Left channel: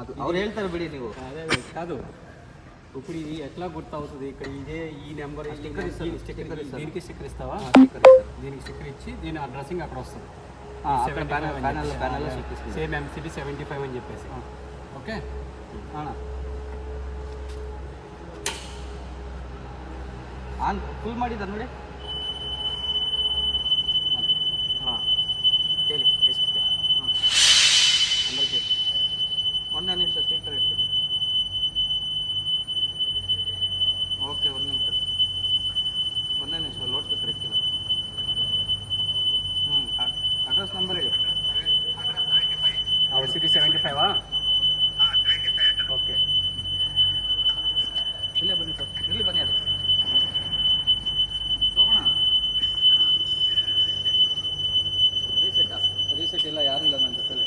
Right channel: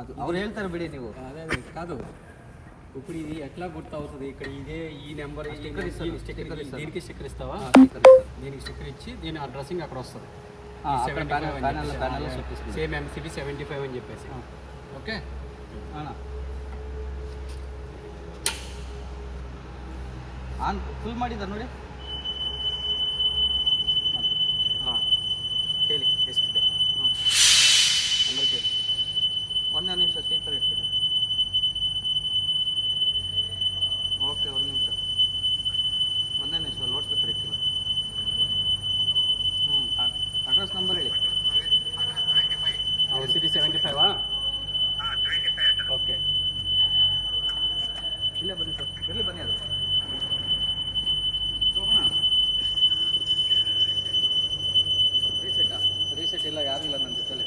ಅದು ಅವ್ರು ಹೇಳ್ತಾರೆ ಬಿಡಿ ನೀವು. అదే కాదు ఇప్పుడు ఇది ఎట్లా గుర్తవుతుంది ఇక్కడ ఇదే ఈ నెంబర్ దీనికి స్టిక్కర్ ఇస్తావా? స్టిక్కర్ ఇస్తారు. దీనికి స్టిక్కర్ ఇచ్చి దీని ఆ డ్రెస్సింగ్ అక్కడ వస్తుంది. ప్యానల్లో చూపిస్తుంది. సేమ్ MCB 75 అని చెప్పేసి. ఓకే ಅಣ್ಣ ಆನ್ ಫುಲ್ ಮಾಡಿದ ನೋಡಿ. ಹಾಂ ಹೇಳಿ ಎಷ್ಟಿದೆ? ಹಾಂ ನಂಬರ್ ಕೇಳಿ. ಒಂದೇ ನಿಮಿಷ ಸ್ಪೀಕರ್ ಇಡ್ತೀನಿ. ಓಕೆ ಒಂದು ನಿಮಿಷ, ಒಂದೇ ನಿಮಿಷ ಲೋಡ್ ಸ್ಪೀಕರ್ ಇಕ್ಕಿಲ್ಲ. ಅಡ್ರೆಸ್ ನಂಬರ್ ಹೇಳಿ. MCB 75 okay. ಇಲ್ಲೇ ಬನ್ನಿ ಸರ್, ಇಲ್ಲಿ ಬನ್ನಿ. ಅದು ರೀಸೆಟ್ ಇಲ್ಲ, ಯಾರೂ ಇಲ್ಲ ನನ್ನ ಜೊತೆಲಿ.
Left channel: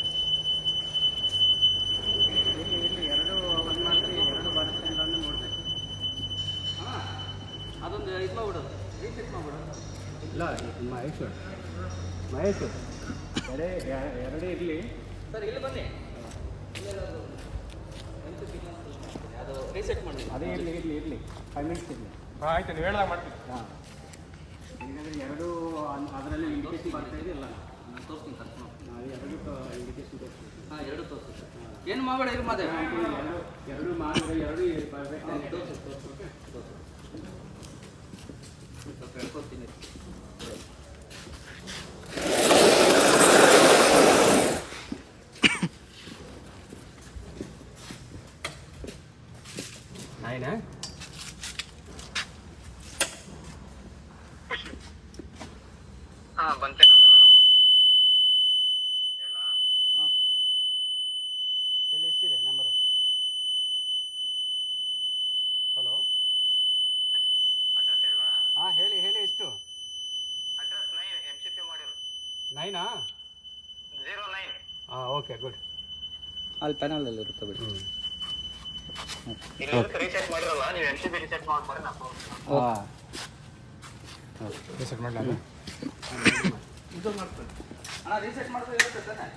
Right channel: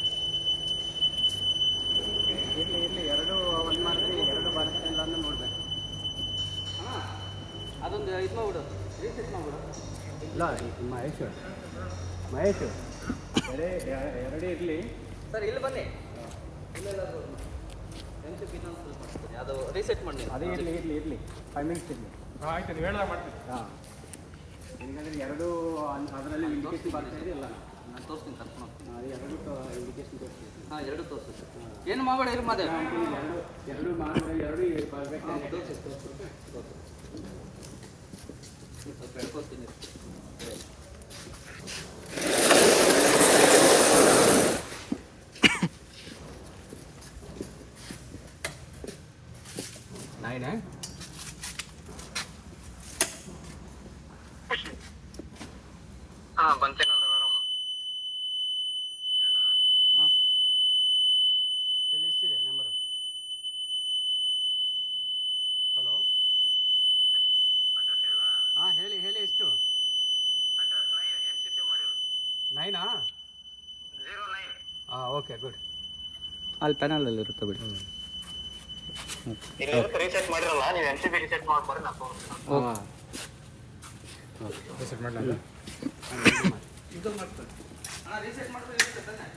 ಇರಲಿ ಎರಡು ಒಂದು ಮಾಡಿದ್ರೆ ಎರಡು ಬರುತ್ತೆ ಇಲ್ಲ ಅಂತ ನೋಡ್ಬೇಕು. ಹಾಂ ಅದೊಂದು ಇದು ಮಾಡ್ಬಿಡೋದು, ರೀಸೆಟ್ ಮಾಡ್ಬಿಡು. ಇಲ್ಲ ಮಹೇಶ್ ಎರಡೇ ಇರಲಿ ಸರ್. ಇಲ್ಲಿ ಬನ್ನಿ, ಇಲ್ಲೆಲ್ಲಾದರೂ ಅದು ರೀಸೆಟ್ ಮಾಡಿ. ಅದೇ ಇರಲಿ 5 ಮಿನಿಟ್ಸ್ ಇರಲಿ. ಆಯ್ತು ಹೇಳ ಮಾಡ್ತೀನಿ. ಹಾಂ ಈಗಾದರೆ ಎರಡು ಅದರಲ್ಲಿ ಇಂಡಿಕೇಶನ್ ಬರ್ತಾ ಇದೆಯಲ್ಲ, ನಾನು ತೋರಿಸ್ತೀನಿ ಕರ್ಕೊಂಡು ಹೋಗ್ತೀನಿ. ಎರಡು ಇಂಡಿಕೇಶನ್ ತೋರಿಸ್ತೀನಿ. ಹಾಂ ಎರಡು ತೋರಿಸಿ. ಏನು ಮಾಡಬೇಡ, ಇರು ಮಾದೇ. ಎರಡು ಮಾಡಿದ್ರೆ ಎರಡು ಪರ್ಫೆಕ್ಟ್ ತೋರಿಸಿ ಸ್ವಲ್ಪ ಹೇಳ್ಕೊತೀನಿ. ನಾಯಿನಾ? ಹಾಂ ಬಂತೇನೋ. ಇಲ್ಲಿ ಎಷ್ಟಿದೆ ನಂಬರು? ಹಲೋ ಹಾಂ ಹೇಳಿ ಎಷ್ಟು? ಅಡ್ರೆಸ್ 9 MCP ಮಾಡಿರು 9 09. ಹಾಂ ಓಕೆ ಗುಡ್. ಅಲ್ಲಿ ಪ್ಯಾನಲಲ್ಲಿ ಇರುತ್ತೆ ಬಿಡಿ. ರೀಸೆಟ್ ಮಾಡಿರಲ್ಲ ನೀವು, MCP ರೀಸೆಟ್ ಮಾಡ್ಬಾರ್ದು. ಹಾಂ ರೀಸೆಟ್ ಮಾಡಿ ಇದು ಮಾಡ್ತೀನಿ. ರೀಸೆಟ್ ಮಾಡೋದು ಇರುತ್ತೆ ತಾನೆ.